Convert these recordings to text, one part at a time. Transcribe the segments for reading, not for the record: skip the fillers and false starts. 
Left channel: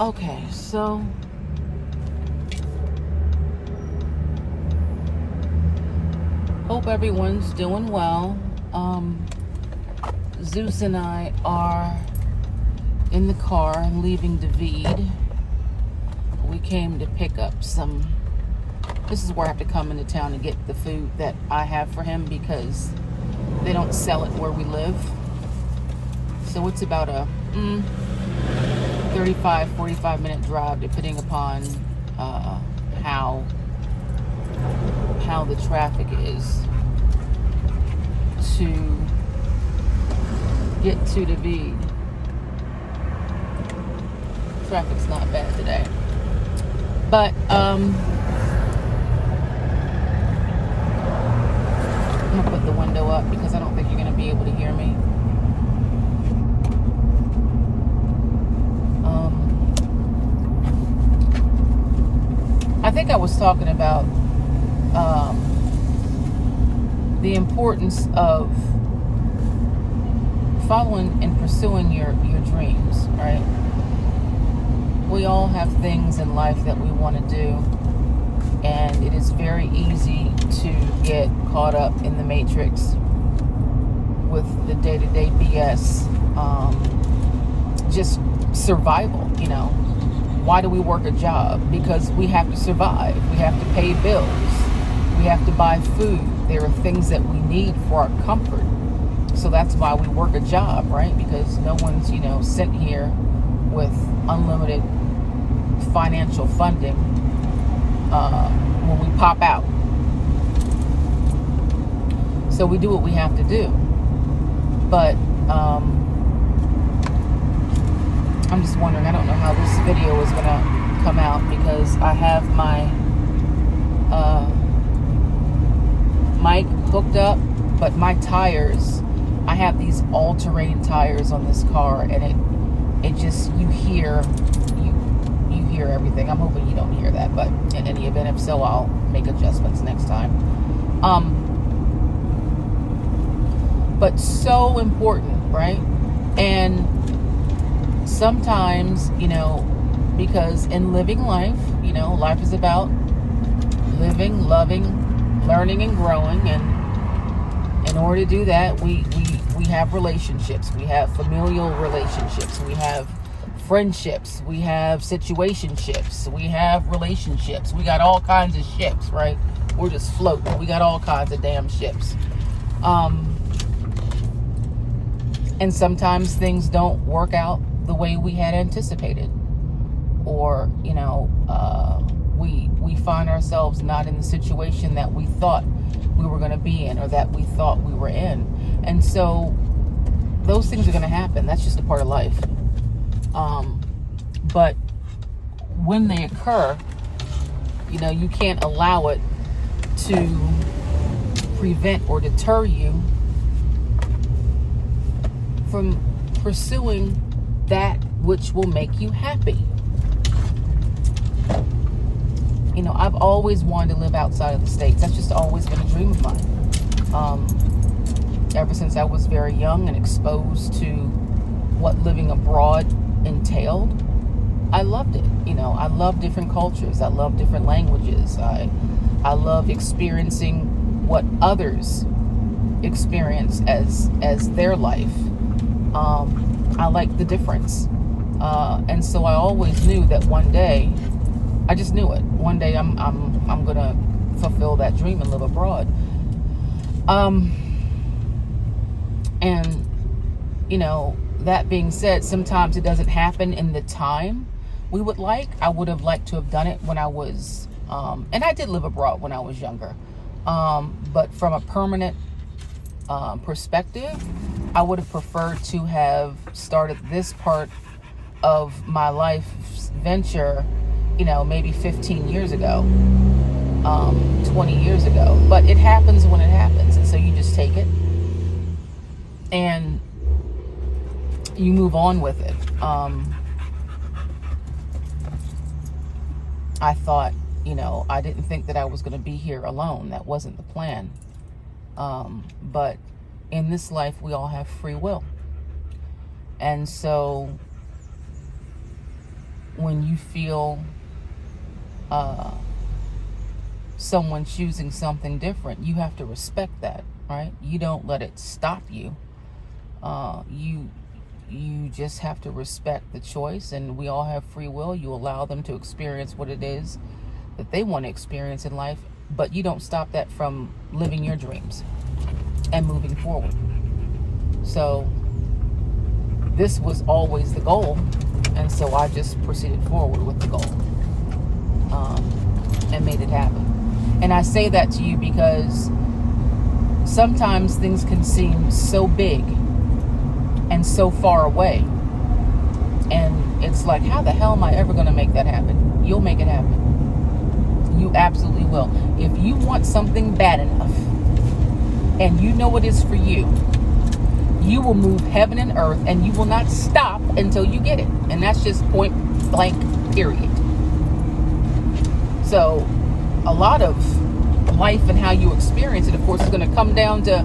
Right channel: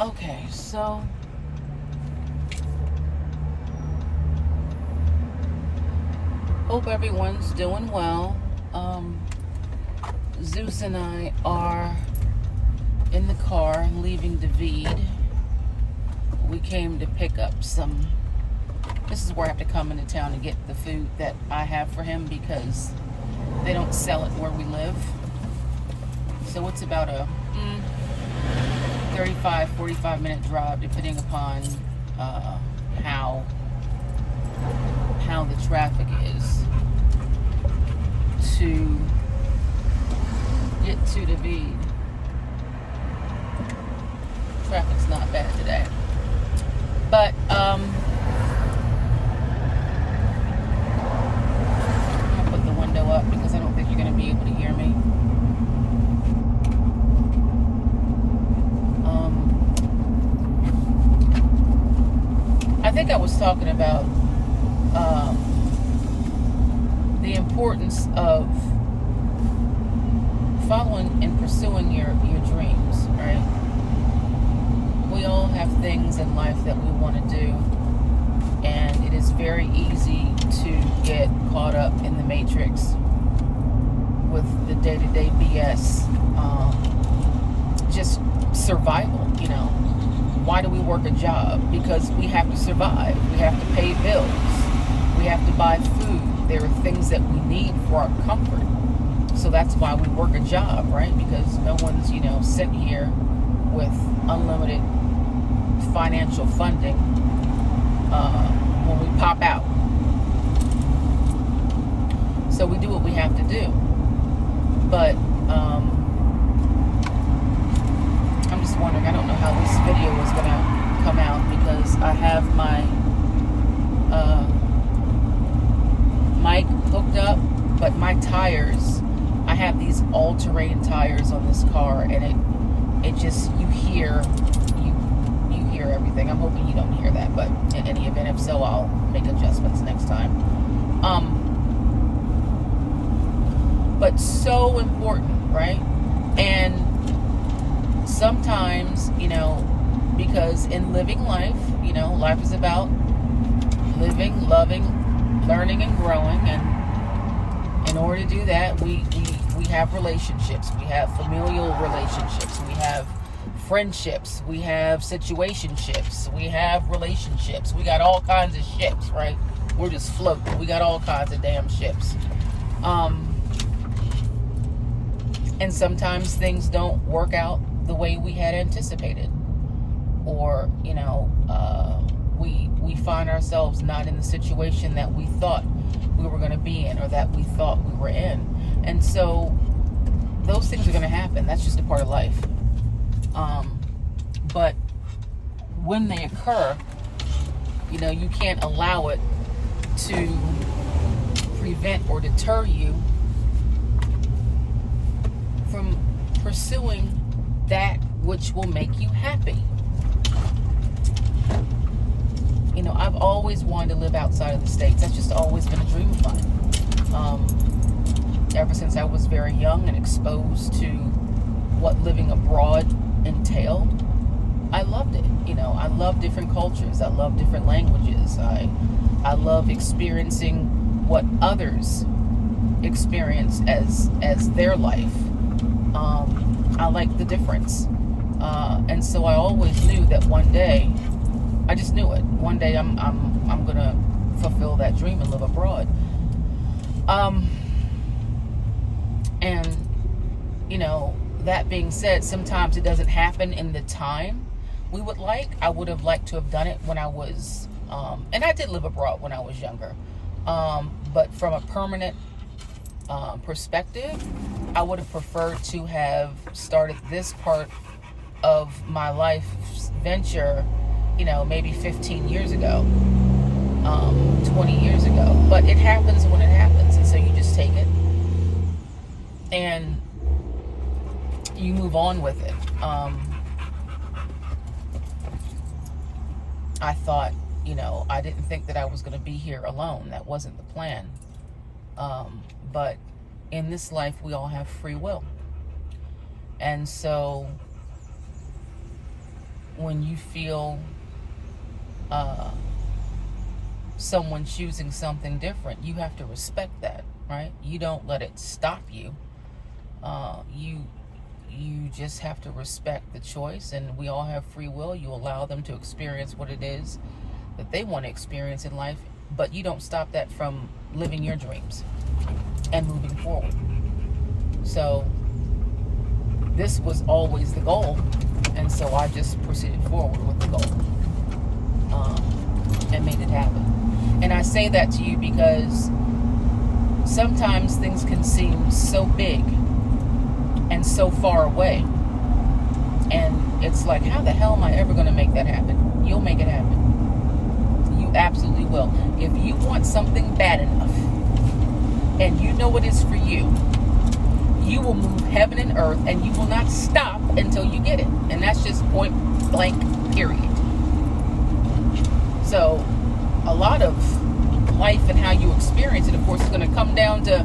Okay, so hope everyone's doing well. Zeus and I are in the car leaving David. We came to pick up some. This is where I have to come into town and get the food that I have for him because they don't sell it where we live. So it's about a 45 minute drive depending upon how the traffic is to get to David. Traffic's not bad today. But I'm gonna put the window up because I don't think you're gonna be able to hear me. I think I was talking about the importance of following and pursuing your dreams, right? We all have things in life that we want to do, and it is very easy to get caught up in the matrix with the day-to-day BS. Just survival, Why do we work a job? Because we have to survive. We have to pay bills. We have to buy food. There are things that we need for our comfort. So that's why we work a job, right? Because no one's, sent here with unlimited financial funding when we pop out. So we do what we have to do. But I'm just wondering, I don't know how this video is going to come out because I have my mic hooked up, but my tires, I have these all-terrain tires on this car, and it just, you hear everything. I'm hoping you don't hear that, but in any event, if so, I'll make adjustments next time. But so important, right? And sometimes, because in living life, life is about living, loving, learning, and growing. And in order to do that, we have relationships. We have familial relationships. We have friendships. We have situationships. We have relationships. We got all kinds of ships, right? We're just floating. We got all kinds of damn ships. And sometimes things don't work out the way we had anticipated, or we find ourselves not in the situation that we thought we were going to be in, or that we thought we were in. And so those things are going to happen. That's just a part of life. But when they occur, you can't allow it to prevent or deter you from pursuing that which will make you happy. I've always wanted to live outside of the States. That's just always been a dream of mine. Ever since I was very young and exposed to what living abroad entailed, I loved it. I love different cultures. I love different languages. I love experiencing what others experience as their life. I like the difference. And so I always knew that one day, I just knew it. One day I'm gonna fulfill that dream and live abroad. And that being said, sometimes it doesn't happen in the time we would like. I would have liked to have done it when I was, and I did live abroad when I was younger. But from a permanent perspective, I would have preferred to have started this part of my life venture, maybe 15 years ago, 20 years ago. But it happens when it happens, and so you just take it and you move on with it. I thought, I didn't think that I was going to be here alone. That wasn't the plan. But in this life, we all have free will. And so when you feel someone choosing something different, you have to respect that, right? You don't let it stop you. You just have to respect the choice, and we all have free will. You allow them to experience what it is that they want to experience in life, but you don't stop that from living your dreams and moving forward. So this was always the goal, and so I just proceeded forward with the goal, and made it happen. And I say that to you because sometimes things can seem so big and so far away, and it's like, how the hell am I ever going to make that happen? You'll make it happen. You absolutely will. If you want something bad enough and you know it is for you, you will move heaven and earth, and you will not stop until you get it. And that's just point blank, period. So a lot of life and how you experience it, of course, is going to come down to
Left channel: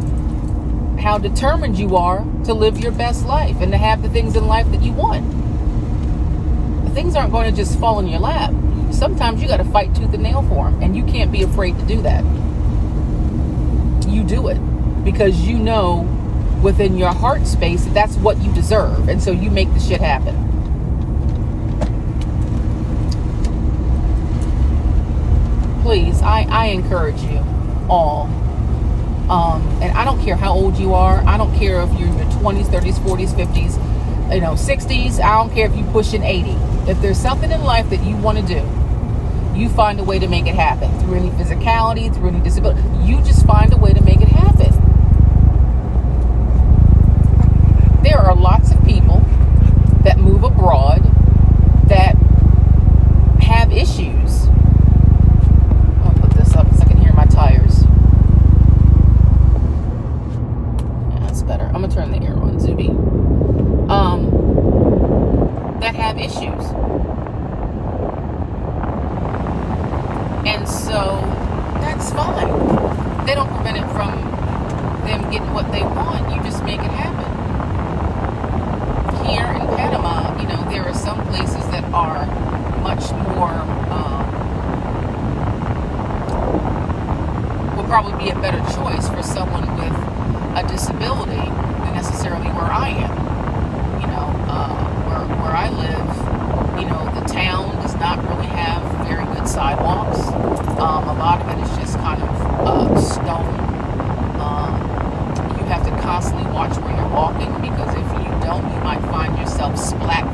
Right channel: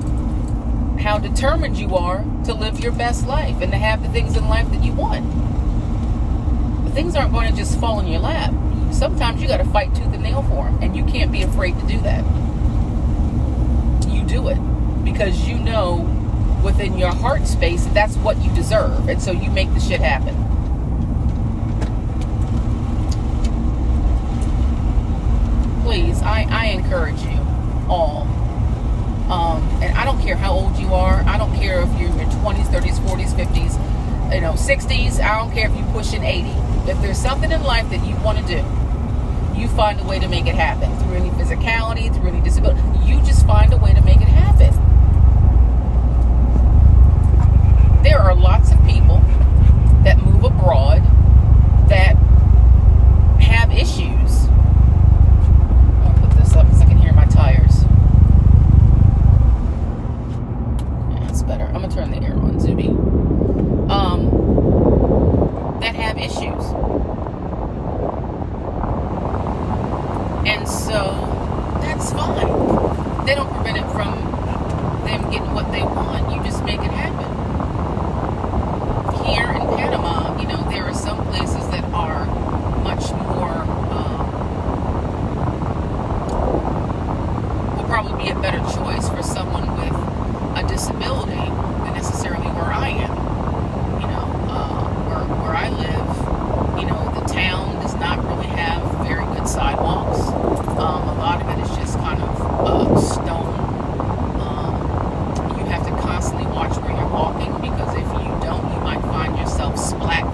how determined you are to live your best life and to have the things in life that you want. The things aren't going to just fall in your lap. Sometimes you got to fight tooth and nail for them, and you can't be afraid to do that. You do it because you know within your heart space that that's what you deserve, and so you make the shit happen. Please, I encourage you all. And I don't care how old you are. I don't care if you're in your 20s, 30s, 40s, 50s, 60s. I don't care if you're pushing 80. If there's something in life that you want to do, you find a way to make it happen. Through any physicality, through any disability. You just find a way to make it happen. There are lots of people that move abroad that have issues. I'm going to put this up because I can hear my tires. Better. I'm gonna turn the air on, Zuby. That have issues, and so that's fine. They don't prevent it from them getting what they want. You just make it happen. Here in Panama, there are some places that are much more will probably be a better choice for someone with a disability than necessarily where I am. Where I live, the town does not really have very good sidewalks. A lot of it is just kind of stone. You have to constantly watch where you're walking, because if you don't, you might find yourself splat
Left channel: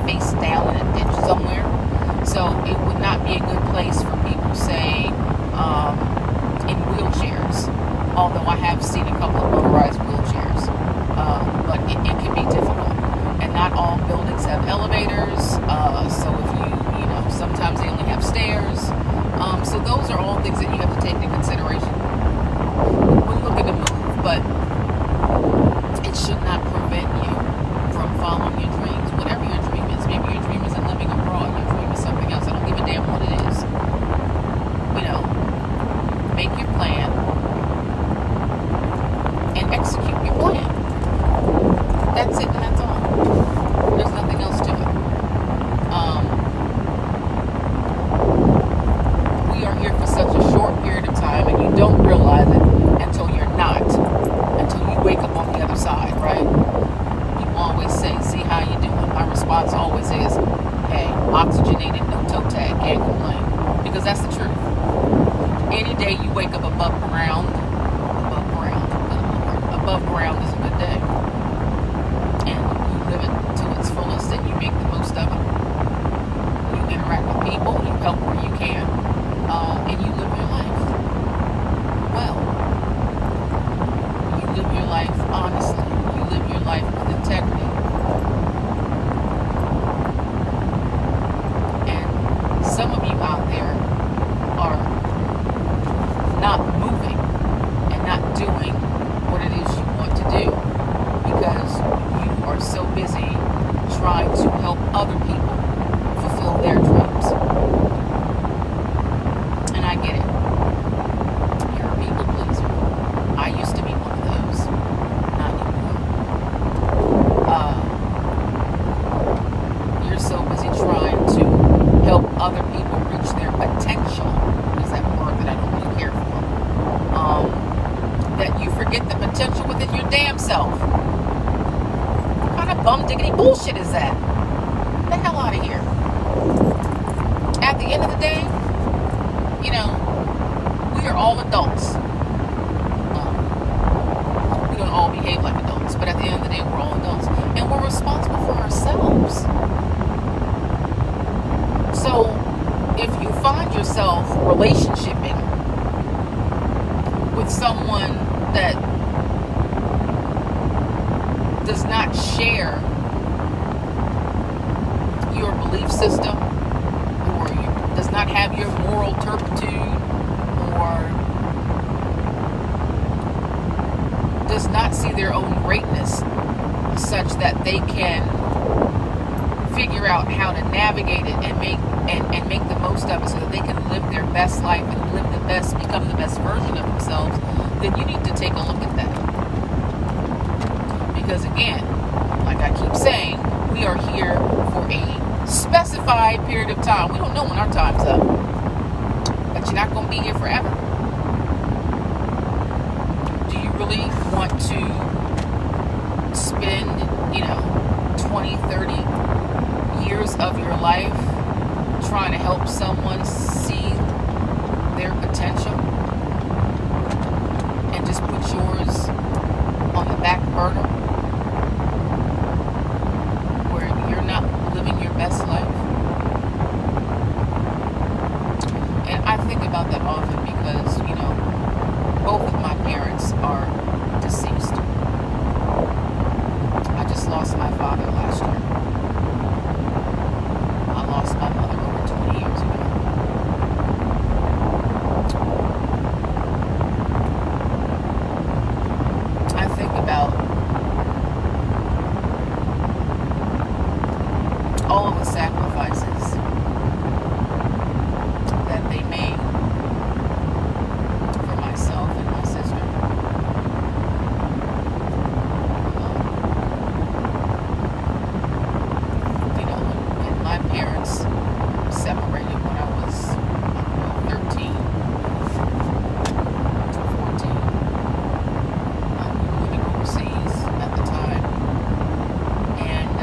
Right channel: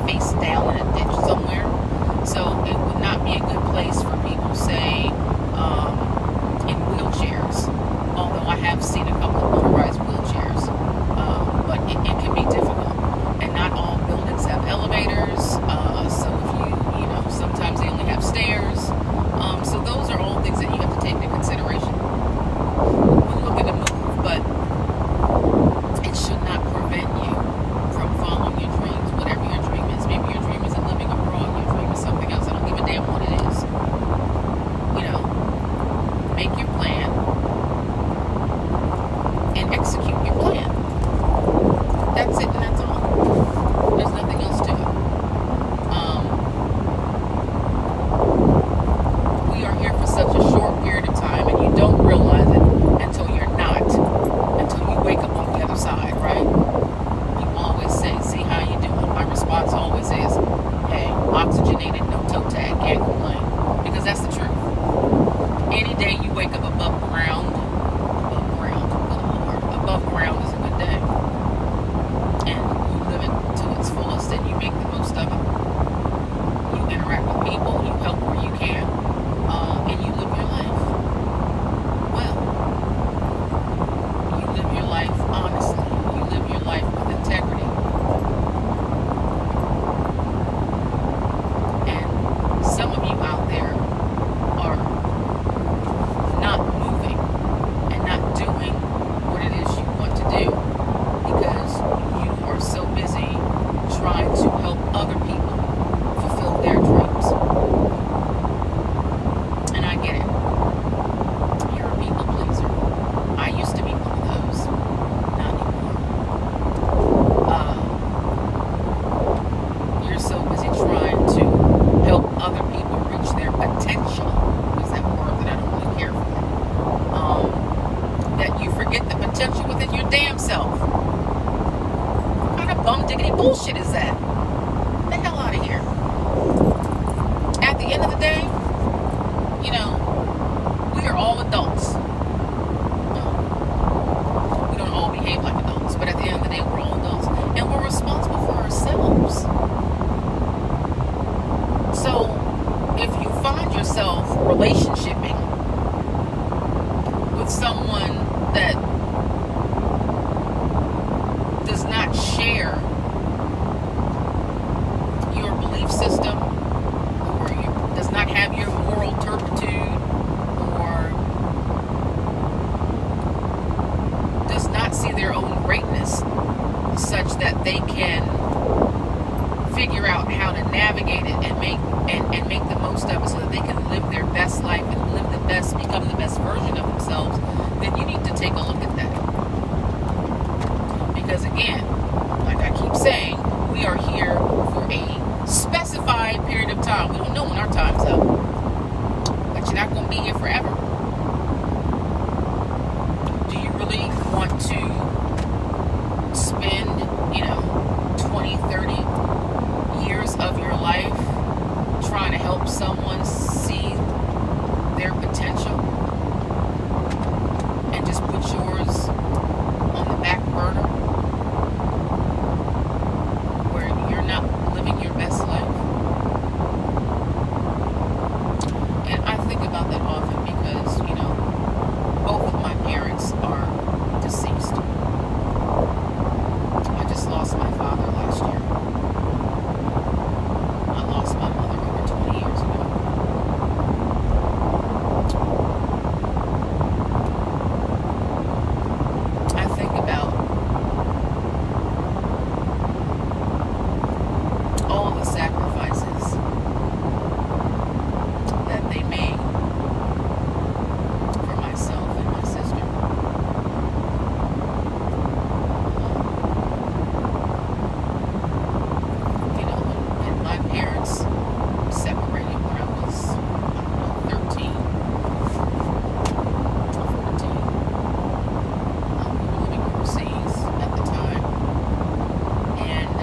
relationshiping with someone that does not share your belief system, or does not have your moral turpitude, or does not see their own greatness such that they can figure out how to navigate it and make the most of it so that they can live their best life and become the best version of themselves, then you need to take a look at that. Because again, like I keep saying, we are here for a specified period of time. We don't know when our time's up, but you're not going to be here forever. Do you really want to spend, 20, 30 years of your life trying to help someone see their potential and just put yours on the back burner where you're not living your best life? And I think about that often because, both of my parents are deceased. I just lost my father last year. I lost my mother over 20 years ago. I think about all the sacrifices that they made for myself and my sister. And my parents separated when I was 13, 14. We were living overseas at the time. And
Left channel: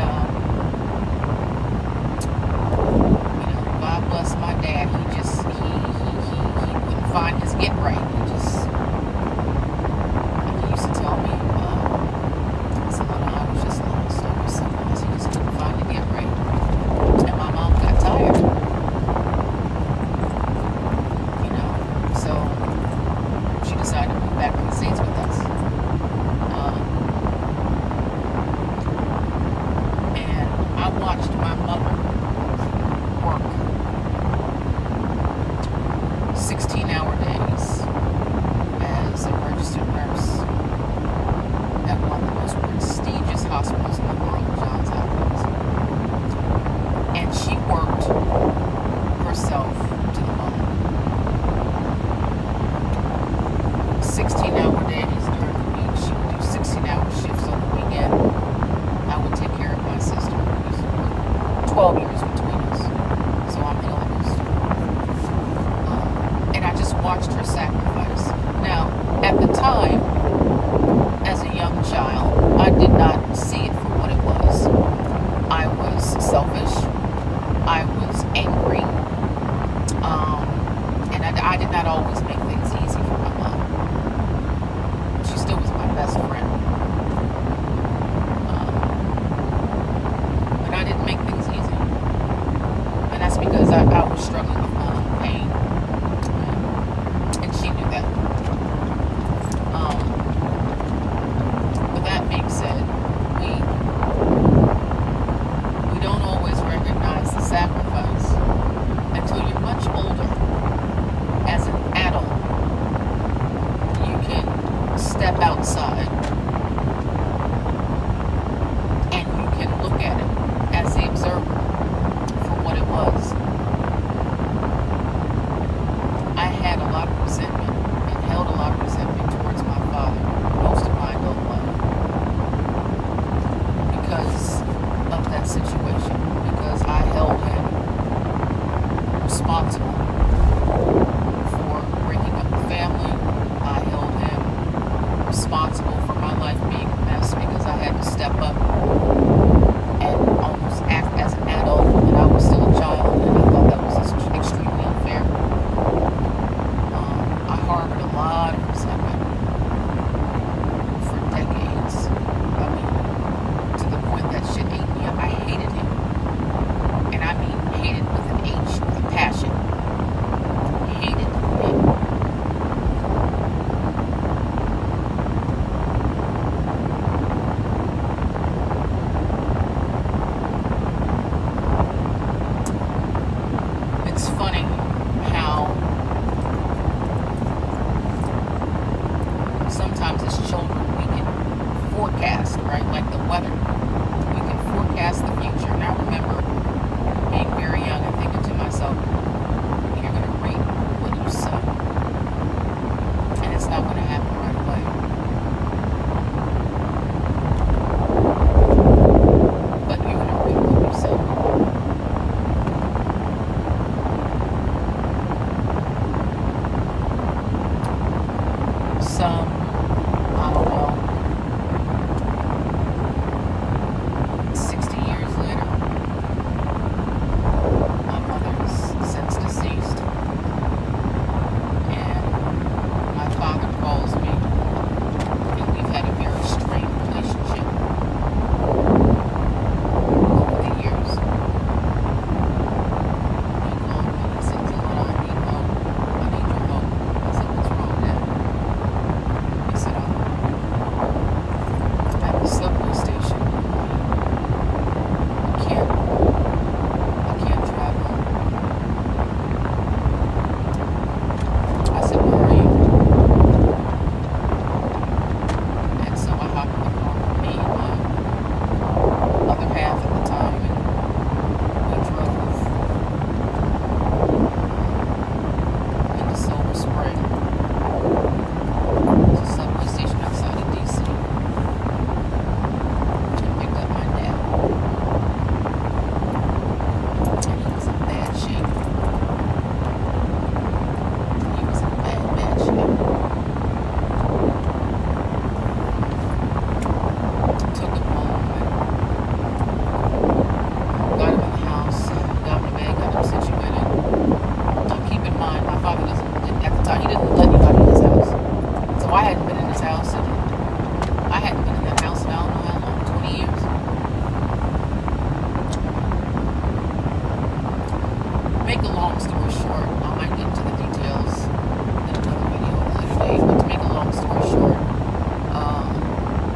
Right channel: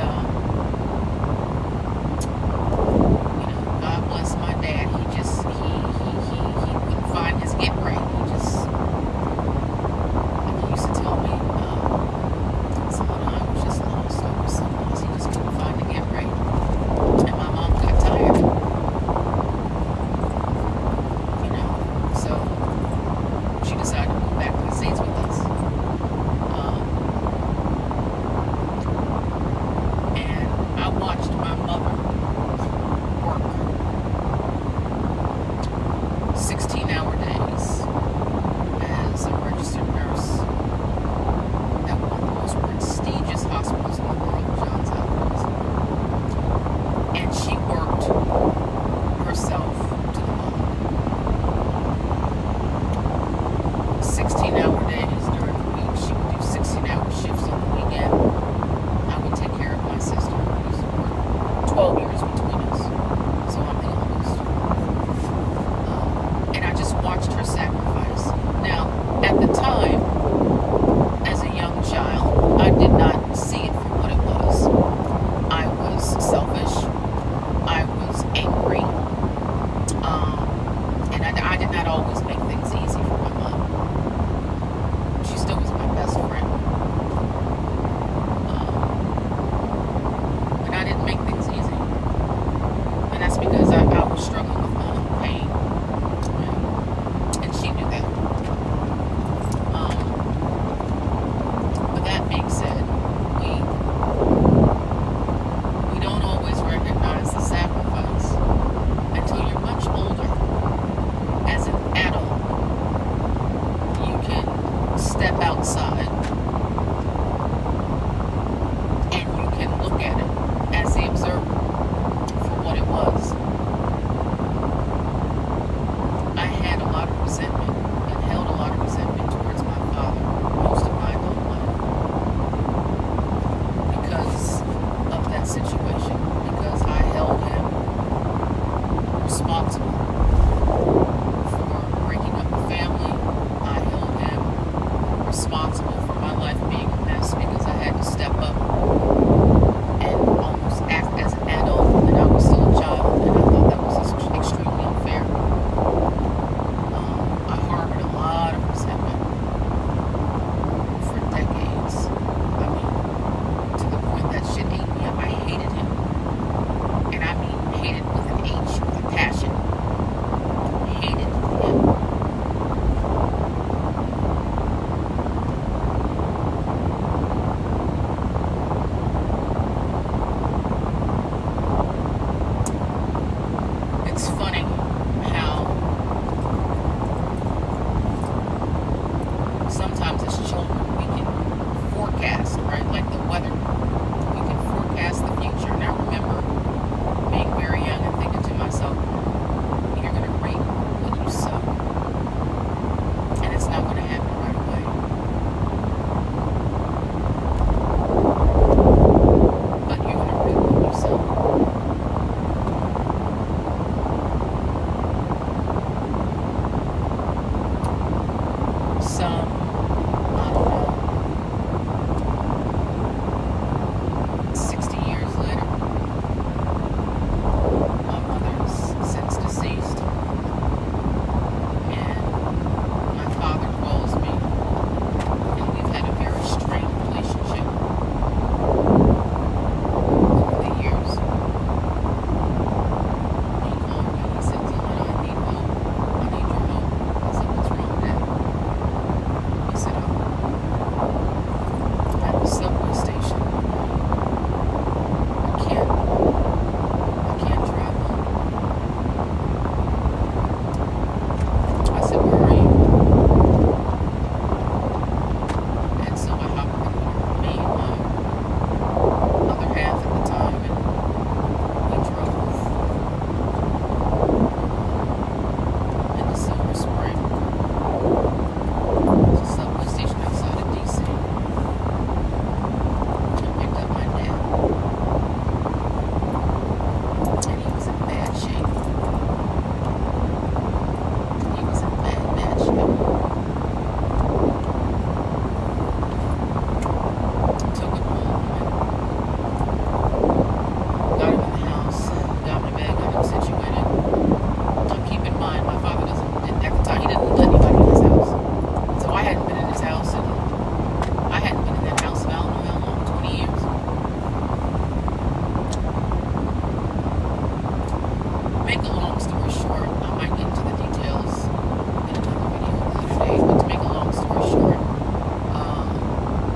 make a long story short, I might get into the details in another video later date, but to make a long story short,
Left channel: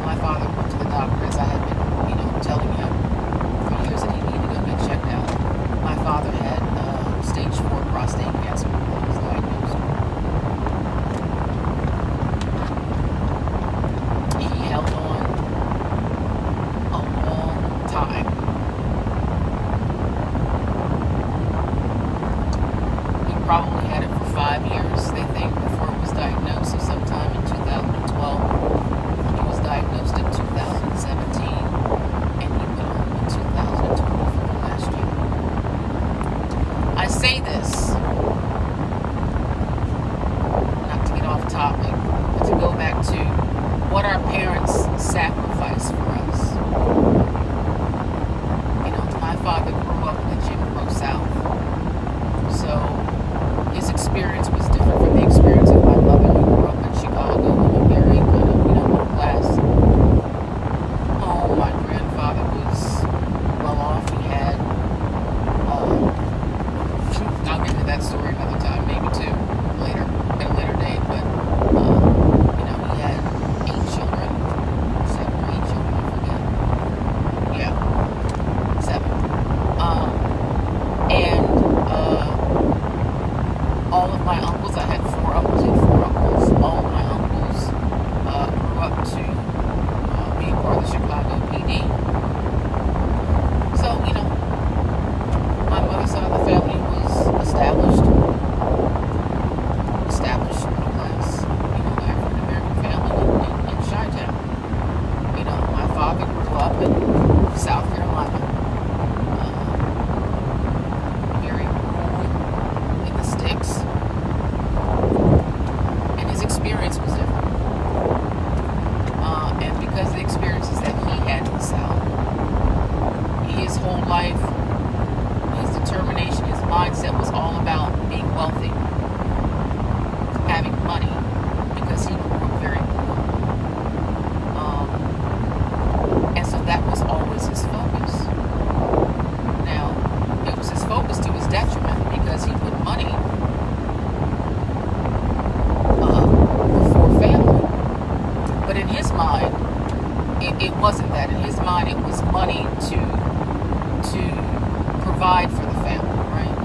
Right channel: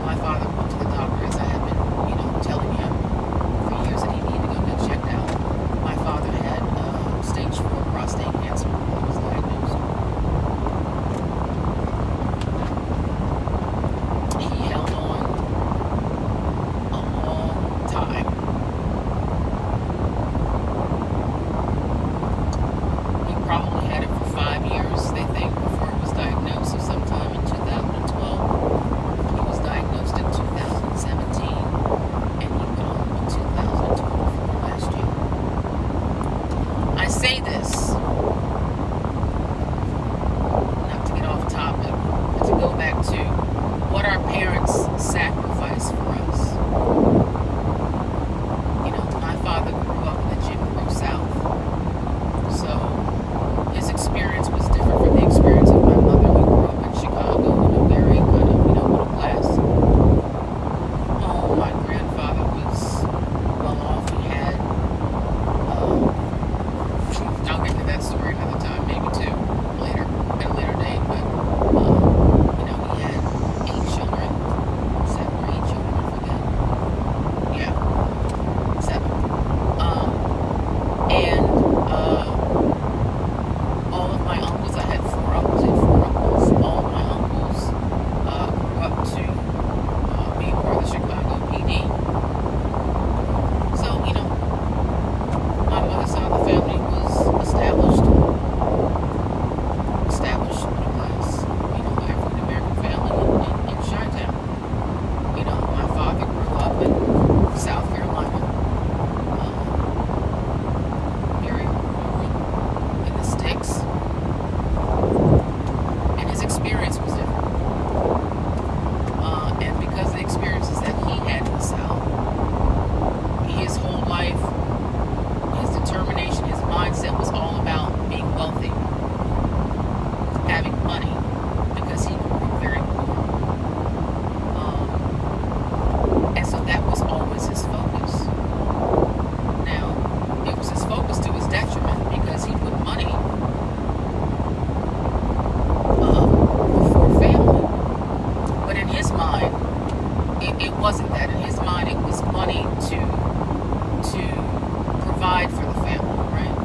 my father went to the doctor, as I had been, telling him for years that he needed to go get checked out. My father had stage 4 prostate cancer when he was diagnosed. He held on a long time. Probably had it for 5 years, they think, before it was diagnosed. So sometime in 2012, he was diagnosed in 2017, and he went on in 2024 last year. I say this not to get off topic, but to go back to what our parents sacrificed for us. My father grew up in the Jim Crow South, so his experience was different from the experience of my mother, who grew up in Chicago, in a very kind of, middle class home. My grandfather was well off. He had, I'll get to that story another time, maybe too, later, at a later date, but, he had 8 children, 7 or 8 children, I forget. Yeah, 7. All of my uncles, I had 4 uncles and 4 uncles. All of my uncles grew up to be a part of the Chicago PD. So, my mother's side of the family was established middle class, African American family in Chi-Town. My father grew up in South Carolina. Very rural in the sticks. And his experience was different. And because of the experiences that he had in the South, his whole life, his determination, his mindset was all about being wealthy, having money, because he grew up very poor. And so that was always his focus. Now, it was his focus to his detriment, because he put money before family. But in his mind, it wasn't that. In his mind, it was money to provide for the family, right?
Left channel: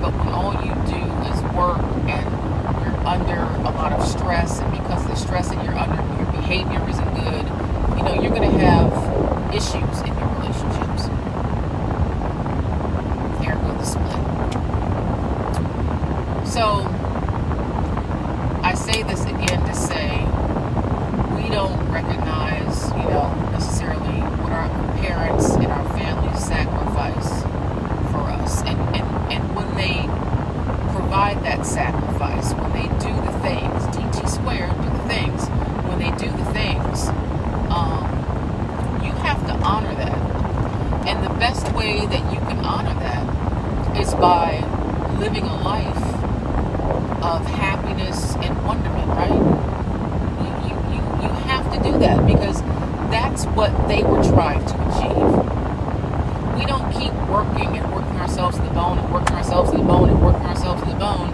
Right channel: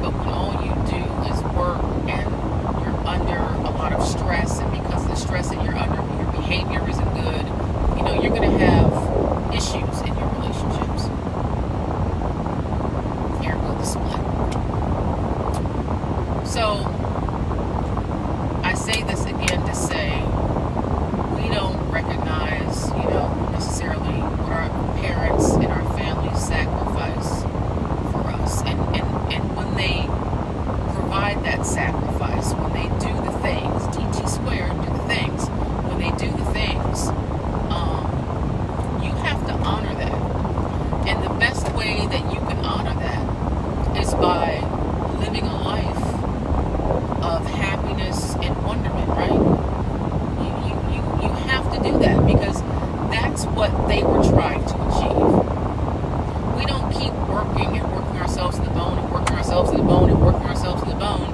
But when all you do is work and you're under a lot of stress, and because of the stress that you're under, your behavior isn't good, you're going to have issues in your relationships. Here goes the split. So, I say this again to say, we don't recognize, necessarily what our parents and our families sacrifice for us. And when they provide that sacrifice, when they do the things, DT squared, do the things, when they do the things, you have to honor that. And the best way that you can honor that is by living a life of happiness and wonderment, right? You have to do that, because that's what they were trying to achieve. We don't keep working and working ourselves to the bone and working ourselves to the bone and working ourselves to the bone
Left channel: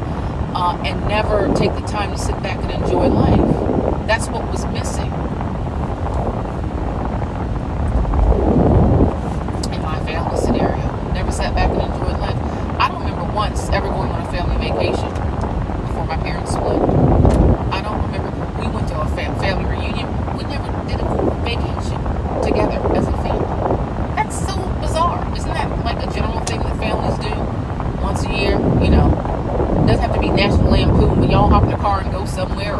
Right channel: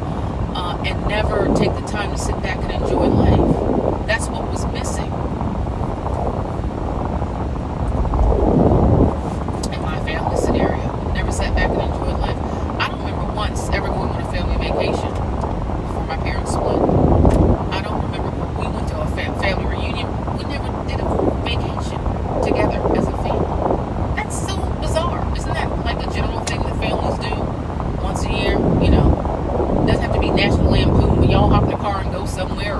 and never take the time to sit back and enjoy life. That's what was missing in my family scenario. Never sat back and enjoyed life. I don't remember once ever going on a family vacation before my parents split. I don't remember. We went to a family reunion. We never did a vacation together as a family. That's so bizarre. Isn't that like a general thing that families do once a year? It doesn't have to be National Lampoon, but y'all hop in the car and go somewhere,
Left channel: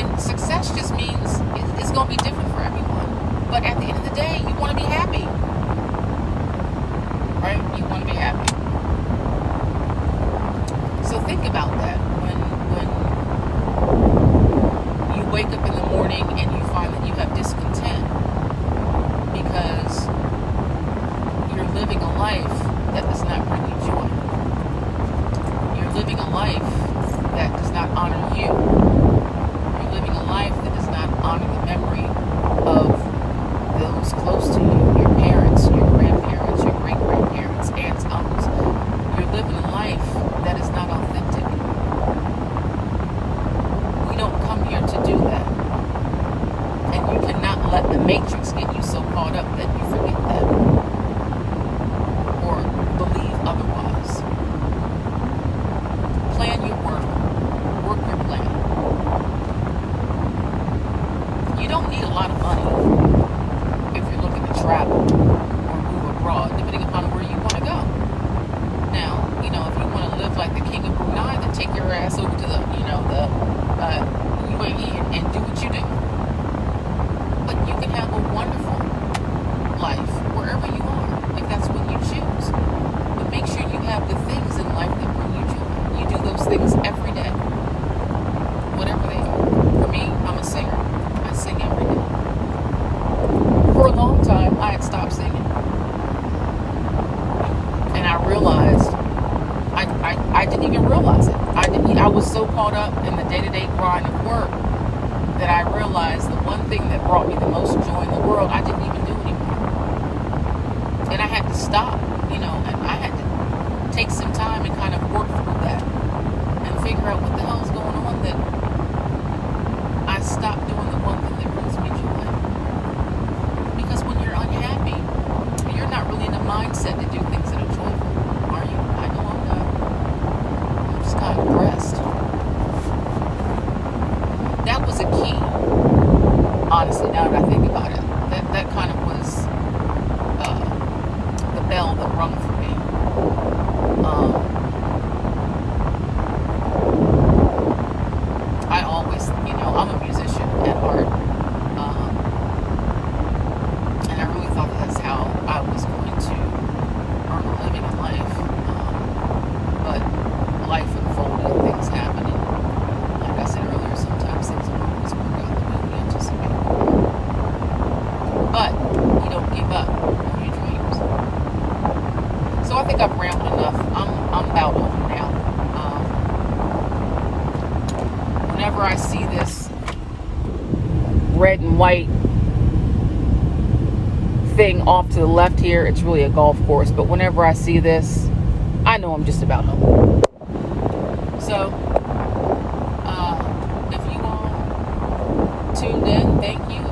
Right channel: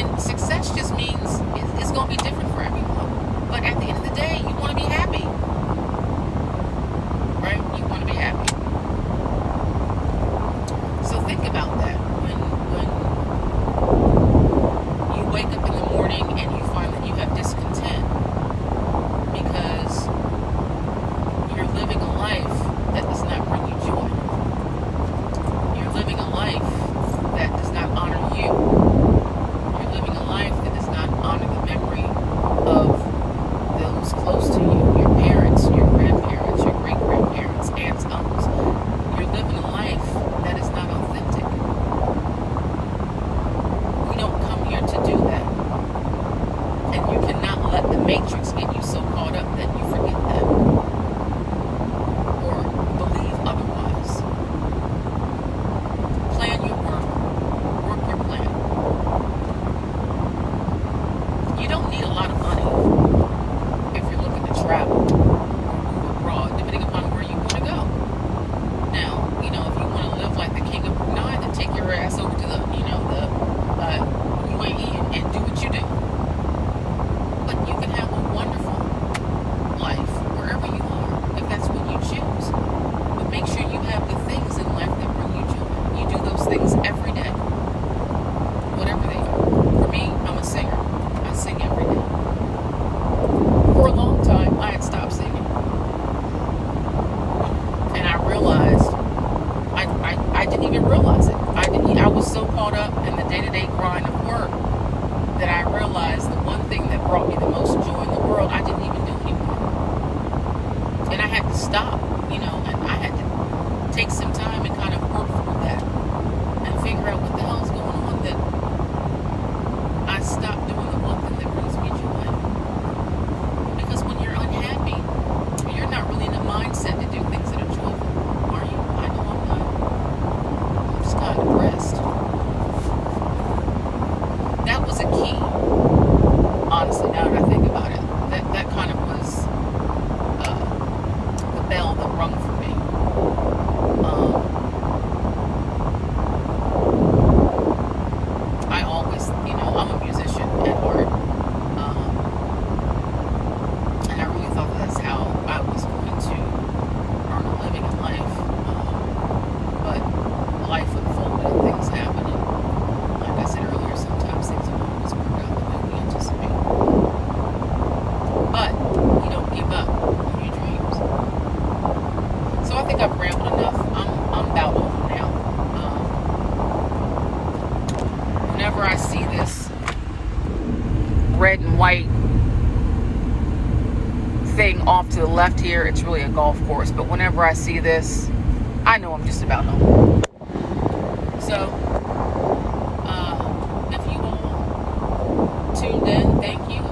And success just means it's going to be different for everyone. But at the end of the day, you want to be happy. Right? You want to be happy. So think about that. When you wake up in the morning and you find that you have discontent because you're living a life that does not bring you joy. You're living a life that does not honor you. You're living a life that does not honor the memory of those close to you, your parents, your grandparents, your great-grandparents, aunts, uncles. You're living a life that is not authentic. We don't come here to do that. And you cannot let the matrix get you so caught up that you forget that. Or believe otherwise. Plan your work. Work your plan. You don't need a lot of money if you're looking to travel or move abroad, depending upon where you want to go. Now, if you want to live like the king of Brunei, then take your ass over to the UAE and do what you do. But you can have a wonderful life wherever you are, if that's what you choose. But make sure you have the things in life that bring you joy. You do those things every day, whatever they are. For me, I'm a singer. I sing every day. For a long time, I had stopped singing. And I realized, I didn't even realize it. I was so caught up in the day-to-day grind of work that I realized the one thing that brought me the most joy in the world, I didn't even do anymore. And I had to stop, and I had to take some time and kind of work through that and figure out what the hell is going on, that I stopped doing the one thing that brings me joy. Because when you're unhappy, you're not really in a mindset to do things that are joyful, are you? I know I'm not. I'm just kind of depressed. That was a key, honestly, now that I think about it. That kind of was the bell that rung for me. I always, I'm a musician at heart. And I really thought that's how I was going to earn a living in life. But life unfolded and things happened. And like I said earlier, sometimes things don't always work out the way we anticipate. But you don't give up on your dreams. So I think I've rambled enough. I'm about over now. Whenever I see this red and white thing off to the left here, it's really a golf course. But whenever I see this, I know I'm just about home. So, if you all tuned in, thank you.